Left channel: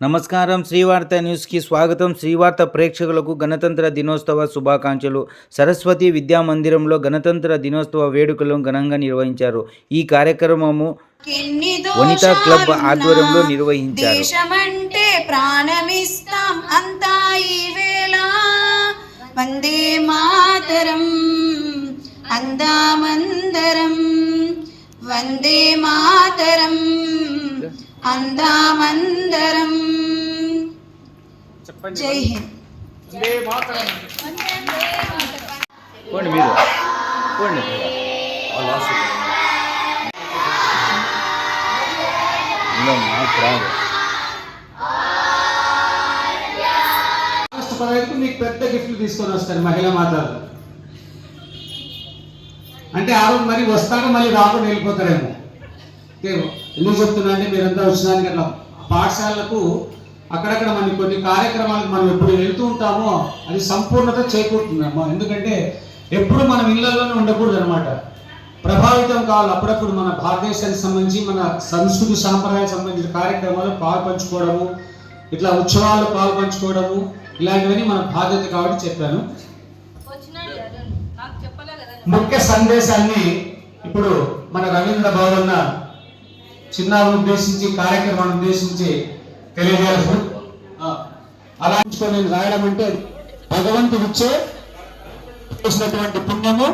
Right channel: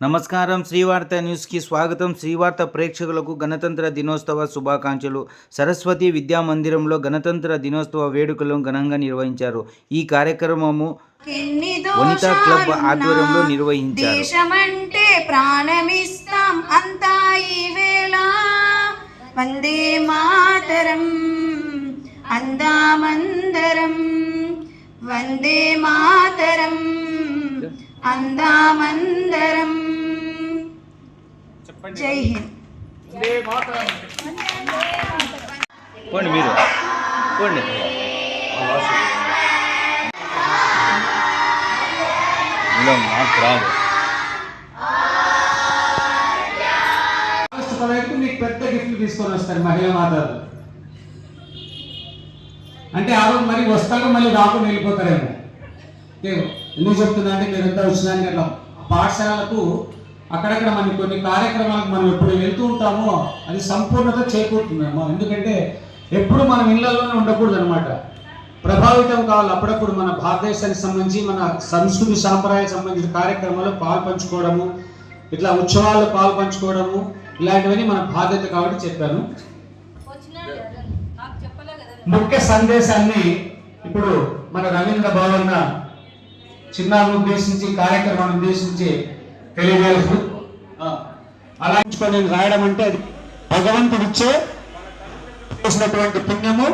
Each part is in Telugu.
నమస్కారం. శ్రీవార్త న్యూస్కి స్వాగతం. శ్రీవార్త ప్రేక్షకులకు గణతంత్ర దినోత్సవ శుభాకాంక్షలు. సరస్వతి విద్యా మందిరంలో గణతంత్ర దినోత్సవ వేడుకలను ఘనంగా నిర్వహించారు. ఈ కార్యక్రమము వనితా క్లబ్ ఆధ్వర్యంలో నిర్వహించారు. దేశమంటే ప్రాణమిస్తాం అంతా ఈ వేళ, వందే మాతరం అందామందరం, వందే మాతరం అందామందరం. జై హింద్. పోండి మీరు పోండి. మాకు రాదు. మీకు పెద్ద గిఫ్ట్లు తీసుకొని వస్తారు మహిళా మాతలు. అంటే ఆ రోజు మళ్ళీ వస్తారో మళ్ళీ రాకుండా వెళ్ళిపోతారేమో. ఎందుకు చెప్తున్నా అంటే మీరంతా వచ్చినానికి అట్లా పాఠశాలకు అక్కడక్కడ మనం కొన్ని కార్యక్రమాలకు మనం ఎప్పుడు వెళ్తూ ఉంటామో అది సంపూర్ణత చేకూరుతుందమ్మా. ఎందుకంటే ఎప్పుడు మనం ఇళ్లలోనే ఉండకూడదు అనమాట. ప్రభావితం కావాలి. అప్పుడప్పుడు మన భారతదేశానికి సంబంధించి మన సంస్కృతి సాంప్రదాయాలకు సంబంధించిన కార్యక్రమాలు పాల్పంచుకోవడము, ఇట్లా ఉత్సవాల్లో పాల్పంచుకోవడము, ఇలాంటివన్నీ మన బాధ్యత కాబట్టి చెప్పాను. ముఖ్య సందేశాన్ని ఇప్పుడు మన రవీంద్ర భవన్ చిన్నాన్ని ఉద్దేశించి కార్యక్రమాన్ని ఉద్దేశించి తెలియజేయాల్సి అలా నేను రాయడం అంటే భగవంతుడు చేసినటువంటి పుణ్యము,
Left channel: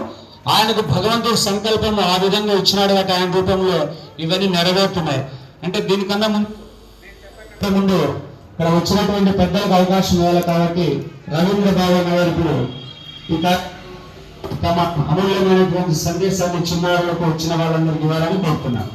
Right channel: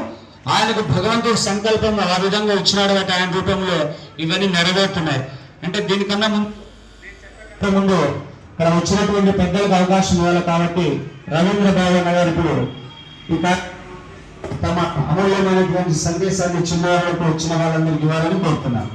ఆయనకు భగవంతుడు సంకల్పం ఆ విధంగా ఇచ్చినాడు కాబట్టి ఆయన రూపంలో ఇవన్నీ నెరవేరుతున్నాయి. అంటే దీనికన్నా ముందు ఇక్కడ వచ్చినటువంటి పెద్దలకు అవకాశం ఇవ్వాలి కాబట్టి రవీంద్ర భవన్ గారు ఇప్పుడు తమ అమూల్యమైనటువంటి సందేశాన్ని చిన్నారులకు వచ్చిన వాళ్ళందరికీ ఇవ్వాలని కోరుతున్నాను.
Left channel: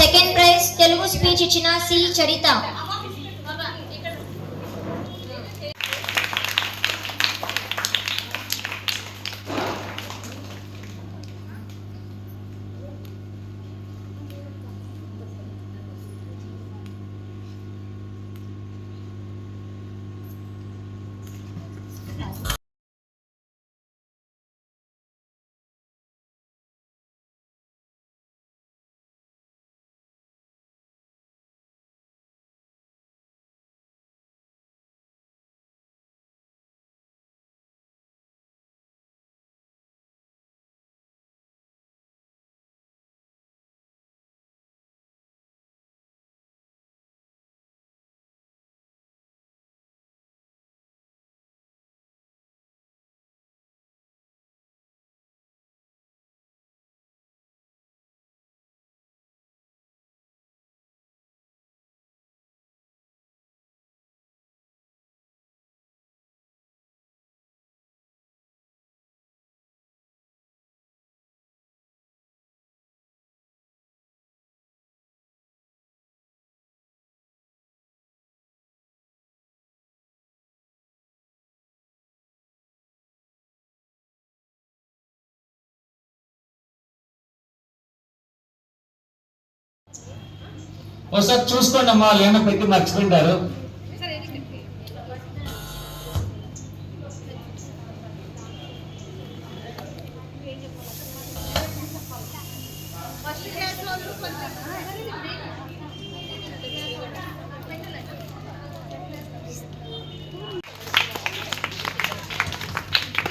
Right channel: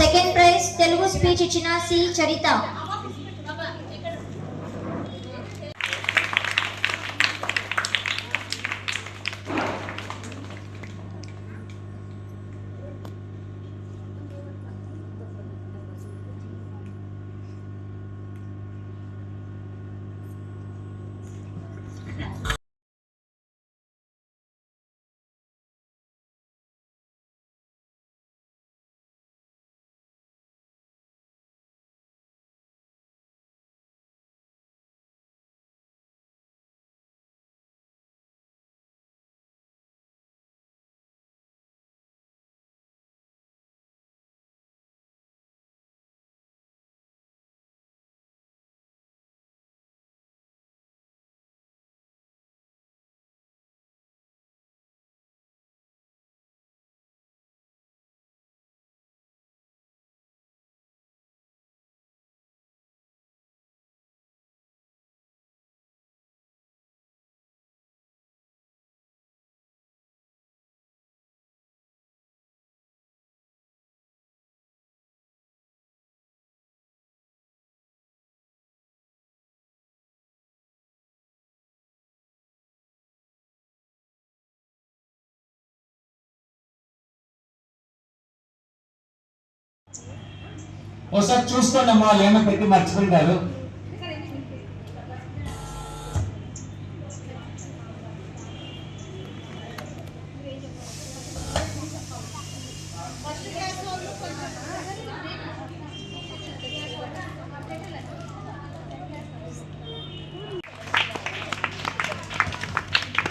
సెకండ్ ప్రైజ్ తెలుగు స్పీచ్ ఇచ్చిన సి చరిత. ఒకసారి చూసుకోండి అమ్మా, లేన పెట్టి మర్చిపోయింటారు.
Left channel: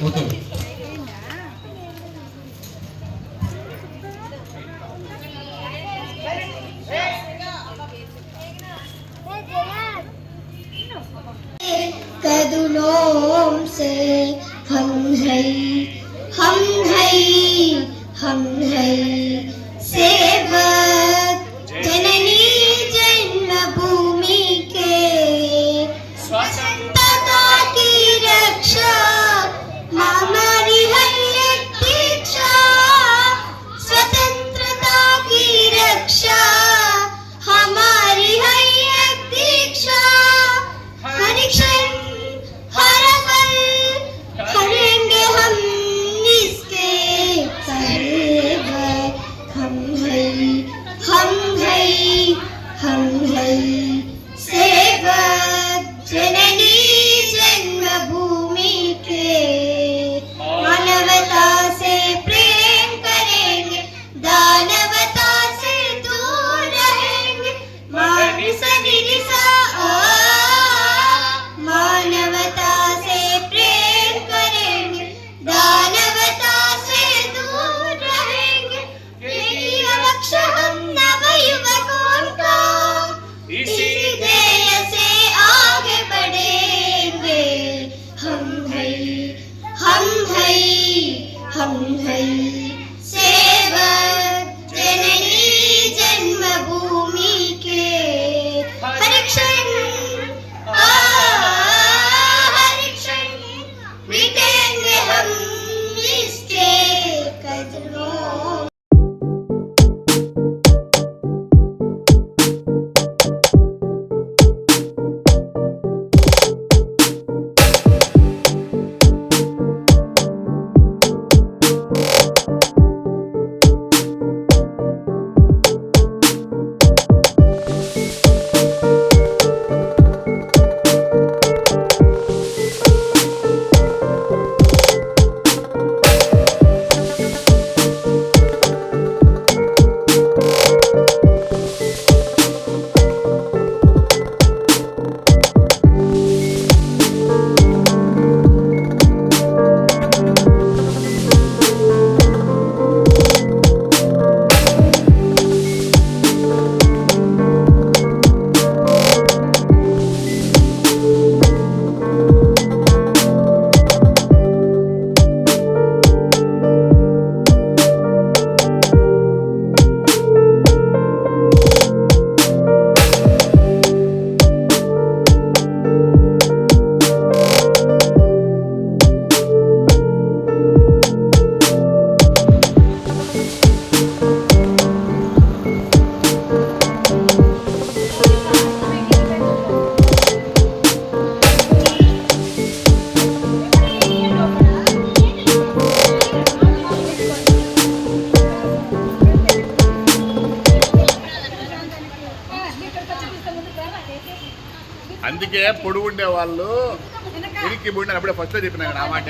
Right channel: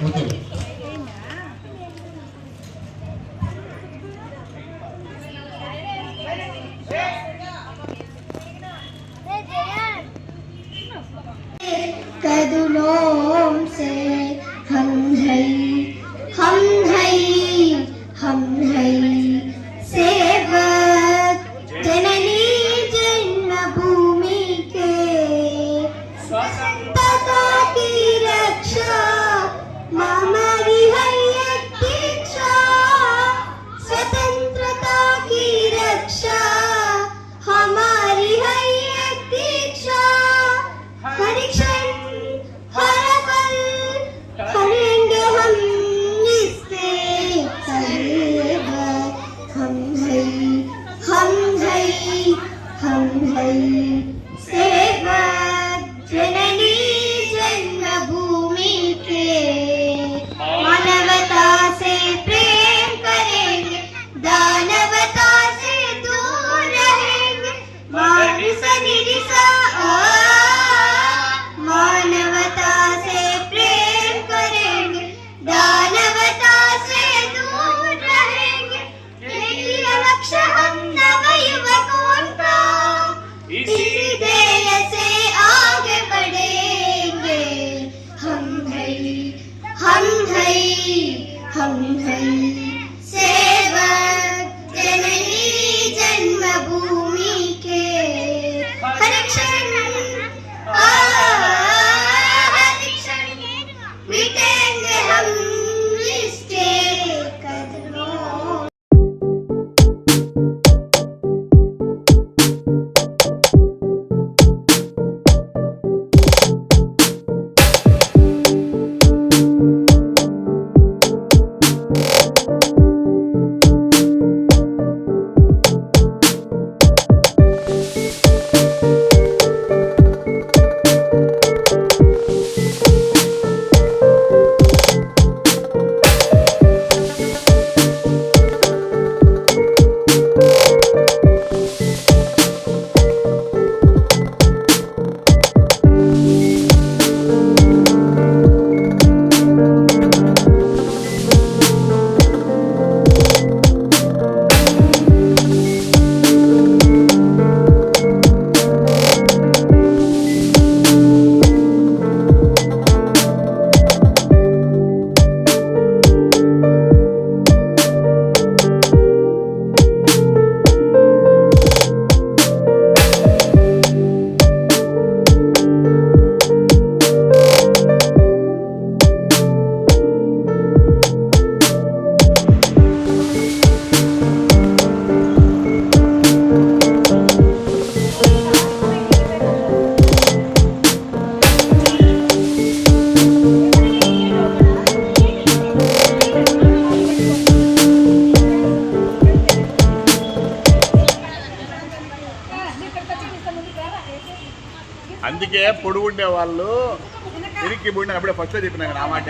ఓకే कदमों से हम हैं सेवक जननी जन्मभूमि के, स्वतंत्रता की रक्षा मम है सेवक जननी जन्मभूमि के मानवता से प्रेम करेंगे दानवता से दूर रहेंगे मानवता से प्रेम करेंगे दानवता से दूर रहेंगे यही लक्ष्य हम नवयुवकों का इसी ध्येय से आगे बढ़ेंगे हम है सेवक जननी जन्मभूमि के हर क्षण मिटेंगे हम इसके कदमों। అందుకే పొడుగుండే వాళ్ళు ఇరికి పుడిన అప్పుడే ఫస్ట్ చెప్పిన నా మాట